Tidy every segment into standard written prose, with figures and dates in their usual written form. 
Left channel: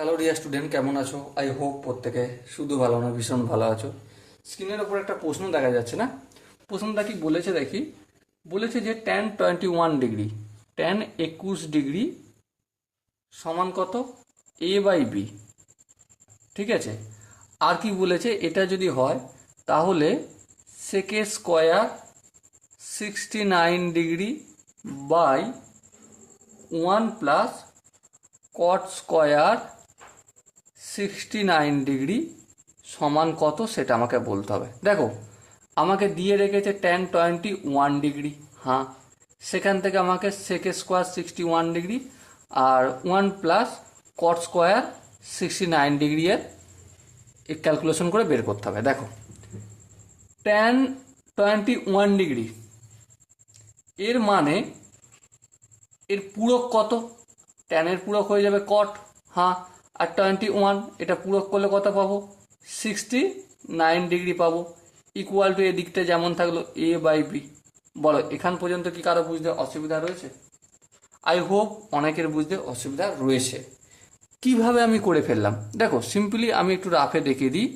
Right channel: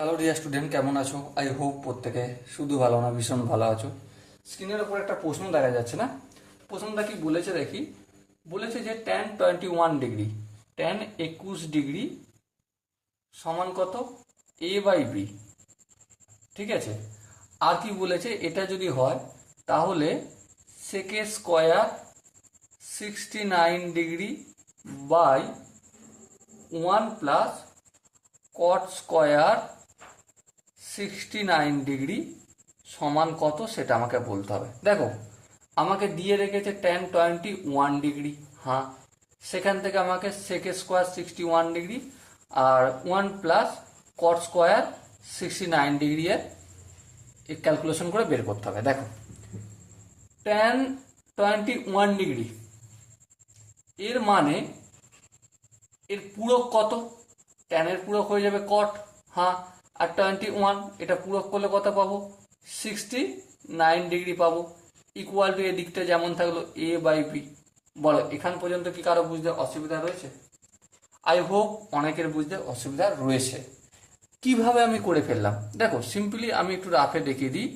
Hello dear student, কেমন আছো? I hope প্রত্যেকে শুধু ভালো না, ভীষণ ভালো আছো। স্ক্রিনের উপর একটা প্রশ্ন দেখা যাচ্ছে না? প্রশ্নটা কি বলেছে দেখি। বলেছে যে tan 21 ডিগ্রি, tan 21 ডিগ্রি সমান কত? a/b। ঠিক আছে। আর কি বলেছে, এটা যদি হয় তাহলে sec² 69 degree by 1 + cot² 69 degree সমান কত সেটা আমাকে বলতে হবে। দেখো, আমাকে দিয়ে রেখেছে tan 21 ডিগ্রি, হ্যাঁ, সেখান থেকে আমাকে sec² 61 ডিগ্রি আর 1 + cot² 69 ডিগ্রি এর ক্যালকুলেশন করে বের করতে হবে। দেখো, tan 21 ডিগ্রি এর মানে এর পূরক কত? ট্যানের পূরক হয়ে যাবে কট, হ্যাঁ, আর 21 এটা পূরক করলে কত পাবো? 69 ডিগ্রি পাবো। ইকুয়াল টু এদিকটা যেমন থাকলো a/b। বলো, এখান পর্যন্ত কি কারো বুঝতে অসুবিধা রয়েছে? আই হোপ অনেকের বুঝতে অসুবিধা রয়েছে। কিভাবে আমি করে ফেললাম দেখো, সিম্পলি আমি একটু রাফে দেখিয়ে দিই।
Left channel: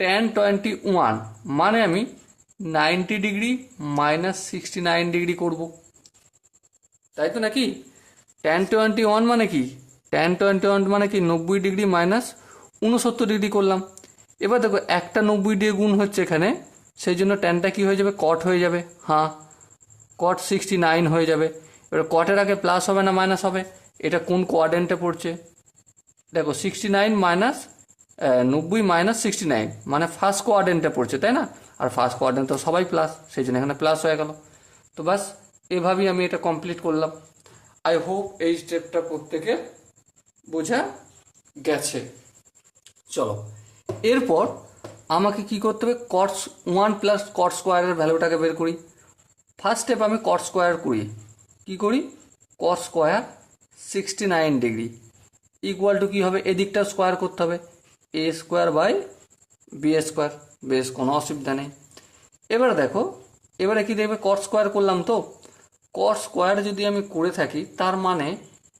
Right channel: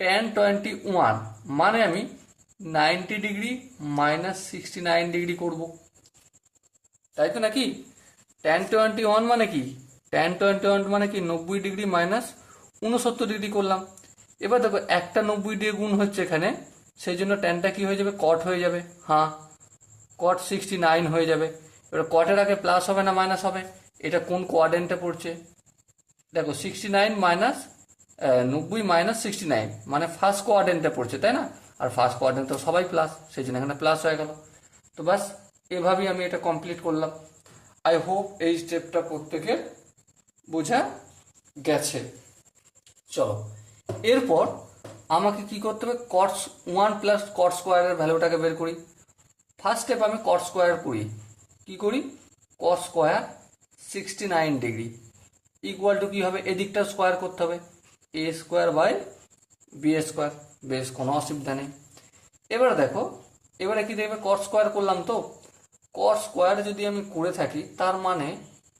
tan 21 মানে আমি 90 ডিগ্রি মাইনাস 69 ডিগ্রি করবো, তাই তো নাকি? tan 21 মানে কি? tan 21 মানে কি 90 ডিগ্রি মাইনাস 69 ডিগ্রি করলাম। এবার দেখো, একটা 90 দিয়ে গুণ হচ্ছে এখানে, সেই জন্য ট্যানটা কি হয়ে যাবে? কট হয়ে যাবে, হ্যাঁ, কট 69 হয়ে যাবে। এবার কটের আগে প্লাস হবে না মাইনাস হবে? এটা কোন কোয়াড্রেন্টে পড়ছে? দেখো, 69 মাইনাস 90 মাইনাস 69 মানে ফার্স্ট কোয়াড্রেন্টে পড়ছে, তাই না? আর ফার্স্ট কোয়াড্রেন্ট তো সবাই প্লাস, সেই জন্য এখানে প্লাস হয়ে গেল। তো বাস, এভাবেই আমি এটা কমপ্লিট করলাম। আই হোপ এই স্টেপটা প্রত্যেকের বোঝা গেছে। চলো, এরপর আমাকে কি করতে হবে? cos 1 + cot² এর ভ্যালুটাকে বের করি। ফার্স্ট স্টেপ আমি cot² করি। কি করি? cos² 69 ডিগ্রি ইকুয়াল টু কি হবে? এদিকটা স্কোয়ার করতে হবে, a² / b²। বেশ, কোনো অসুবিধা নেই। এবারে দেখো, এবারে কি দেখবে? cot² করলাম তো, cot² যদি আমি করে থাকি তার মানে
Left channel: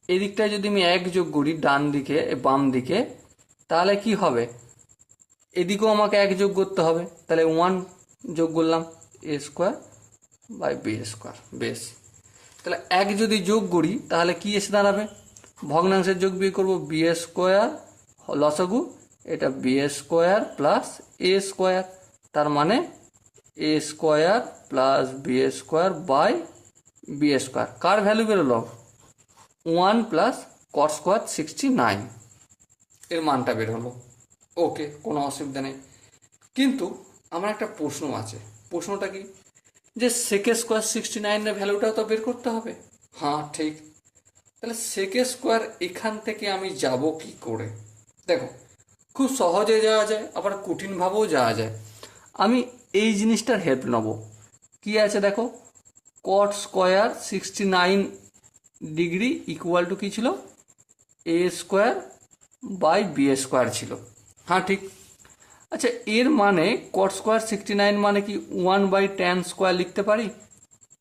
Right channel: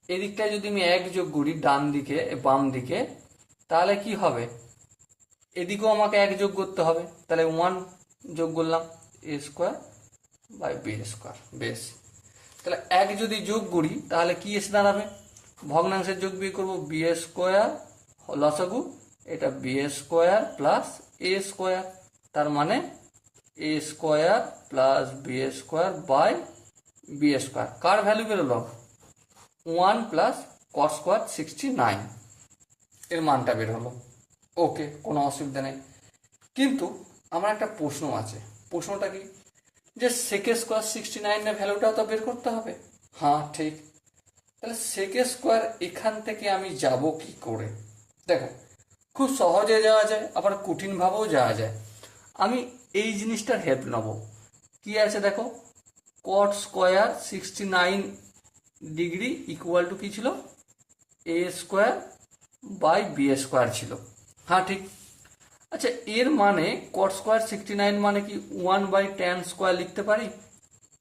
এদিকটায় যদি আমি 1 যোগ করি ডান দিকে বাম দিকে, তাহলে কি হবে? এদিকেও আমাকে 1 যোগ করতে হবে, তাহলে 1 যোগ করলাম, a² / b²। বেশ, তাহলে 1 যদি যোগ করি তাহলে কি এসে দাঁড়াবে? ভগ্নাংশের যোগ বিয়োগ করবো, b² লসাগু, এটা b² + a²। তার মানে a² + b² / b²। কার ভ্যালু বেরোলো? 1 + cot² 69 এর মানটা বের হলো। ওকে, কোনো অসুবিধা নেই। কিন্তু আমার একটা প্রশ্ন আছে। প্রশ্নটা কি? যে sec² 69 এর ভ্যালুটাও তো বের করতে হবে। হ্যাঁ, ঠিক। তাহলে sec² এখান থেকে আমি যাব কি করে? দেখো, খুব সহজে যাওয়া যায়, আবার কঠিনভাবেও যাওয়া যায়। আমি এই জিনিসটার হেল্প নেব। কি আছে দেখো, cot² 69 ডিগ্রি ইকুয়াল টু কি ছিল? a² / b² ছিল, হ্যাঁ, ঠিক। আচ্ছা, এর মানে cot² 69 মানে কি 1/tan² লিখতে পারি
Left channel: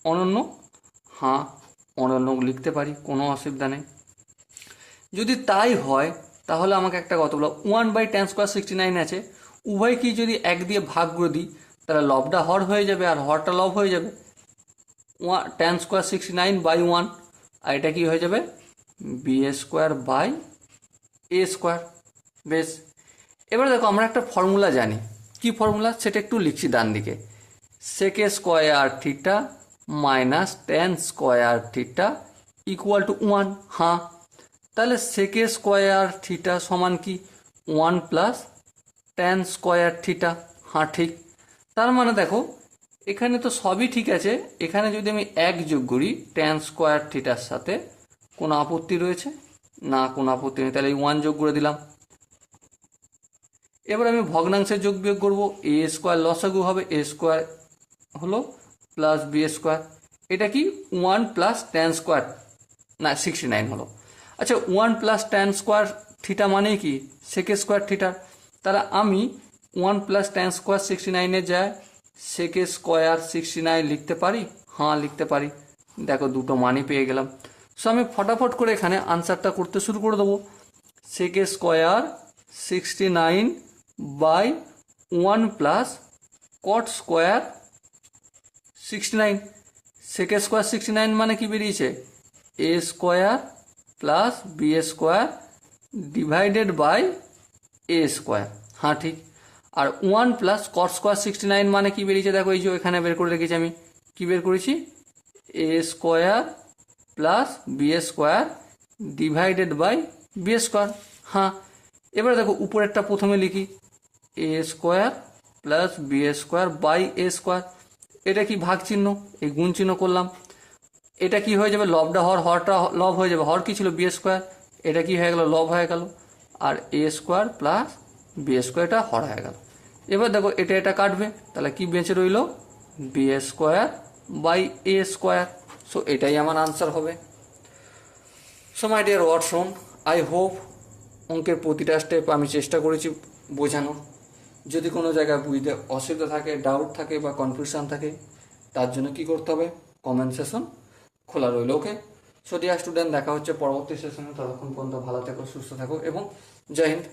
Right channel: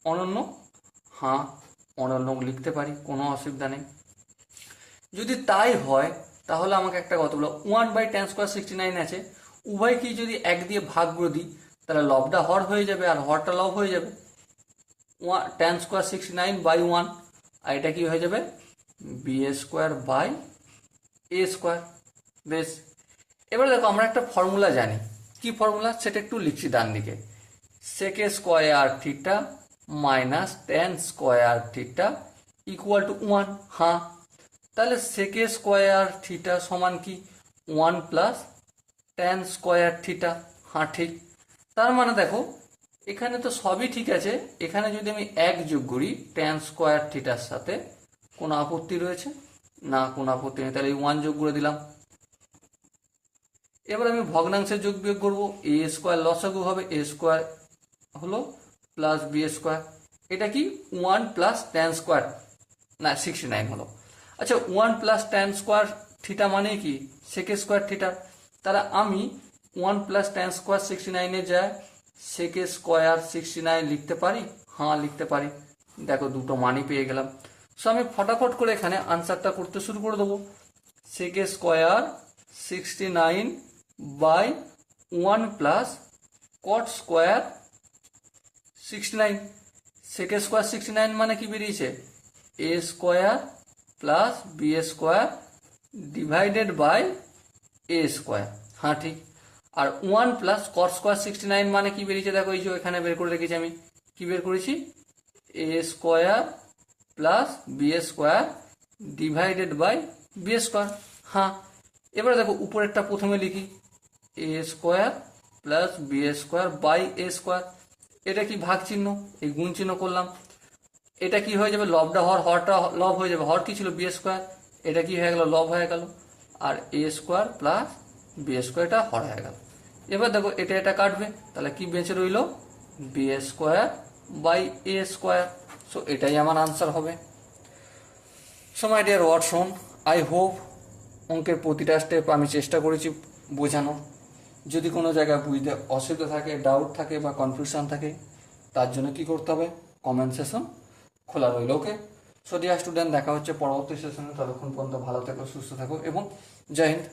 অনন্য? হ্যাঁ, অনন্য লিখতে পারি, কোনো অসুবিধা নেই। যদি তাই হয় তাহলে আমাকে একটা কথা বলো, 1/tan² 69 আছে, উভয় কি যদি 1 দিয়ে ভাগ করে দিই তাহলে লবটা হর হয়ে যাবে আর হরটা লব হয়ে যাবে। tan² 69/1, আর এটা কি হয়ে যাবে? b²/a²। বেশ, এবার দেখো, আমরা একটা ফর্মুলা জানি। কি ফর্মুলা সেটা একটু লিখছি ডান দিকে। sec² minus tan² equal to 1, হ্যাঁ। তাহলে sec² সমান কি? 1 + tan², হ্যাঁ, ঠিক। তার মানে দেখো, এখানে তো সবই ঠিক আছে। এখানে যদি আমি 1 যোগ করি tan²র সাথে, কোনো আপত্তি রয়েছে? না, কোনো আপত্তি নেই। তাহলে 1 যোগ করে দিলাম। এবার আমি ভগ্নাংশের যোগ বিয়োগ করবো, a² লসাগু হবে, a² হলো প্লাস b²। এটা কি? 1 + tan² না 69 হলো। আচ্ছা, 1 + tan², মানে কি? sec²। তাহলে আমি 1 + tan² 69 এর যায় sec² 69 লিখতে পারি? হ্যাঁ, লিখতে পারি। দেখো, দুটো মানই পেয়ে গেলাম। সো আমি ফটাফট করে এখানে আনসারটা করতে শুরু করে দেবো। sec square 69 by 1 plus cot square 69। sec square 69 মানে কি বেরিয়েছে, a square plus b square divided by a square. হ্যাঁ ঠিক। আর 1 প্লাস cot স্কোয়ার 69 মানে কি বেরিয়েছে, দেখো এই যে এখানে বের করে রেখেছি আমি, কি বের করেছি, a square plus b square divided by b square. হ্যাঁ, এবার দেখো উপরেরটা প্রথমে লিখি, a square plus b square by a square. এটা কি ভাগ চিহ্ন, এই গুণ চিহ্ন করলাম, এটা কি হয়ে যাবে, লবটা হরটা লব হয়ে যাবে, হর কি ছিল বি স্কোয়ার, এটা কি হয়ে গেল লব হয়ে গেল, আর এ স্কোয়ার প্লাস বি স্কোয়ারটা হর হয়ে গেল। এবার দেখো এটা কাটবে, তাহলে কি বেঁচে রইল, b square by a square. So এটাই আমার আনসার হবে। So my dear Watson, I hope অঙ্কের প্রতিটা স্টেপ আমি চেষ্টা করেছি বোঝানোর। যদি কোনো জায়গায় বুঝতে অসুবিধা থাকে, ডাউট থাকে বা কনফিউশন থাকে, তার জন্য কি করতে হবে, কমেন্ট সেশন খোলা রইল। ওকে, সো ডিয়ার স্টুডেন্ট, দেখা হচ্ছে পরবর্তী সেশনে। ততক্ষণ পর্যন্ত ভালো থাকো, সুস্থ থাকো এবং জয় হিন্দ।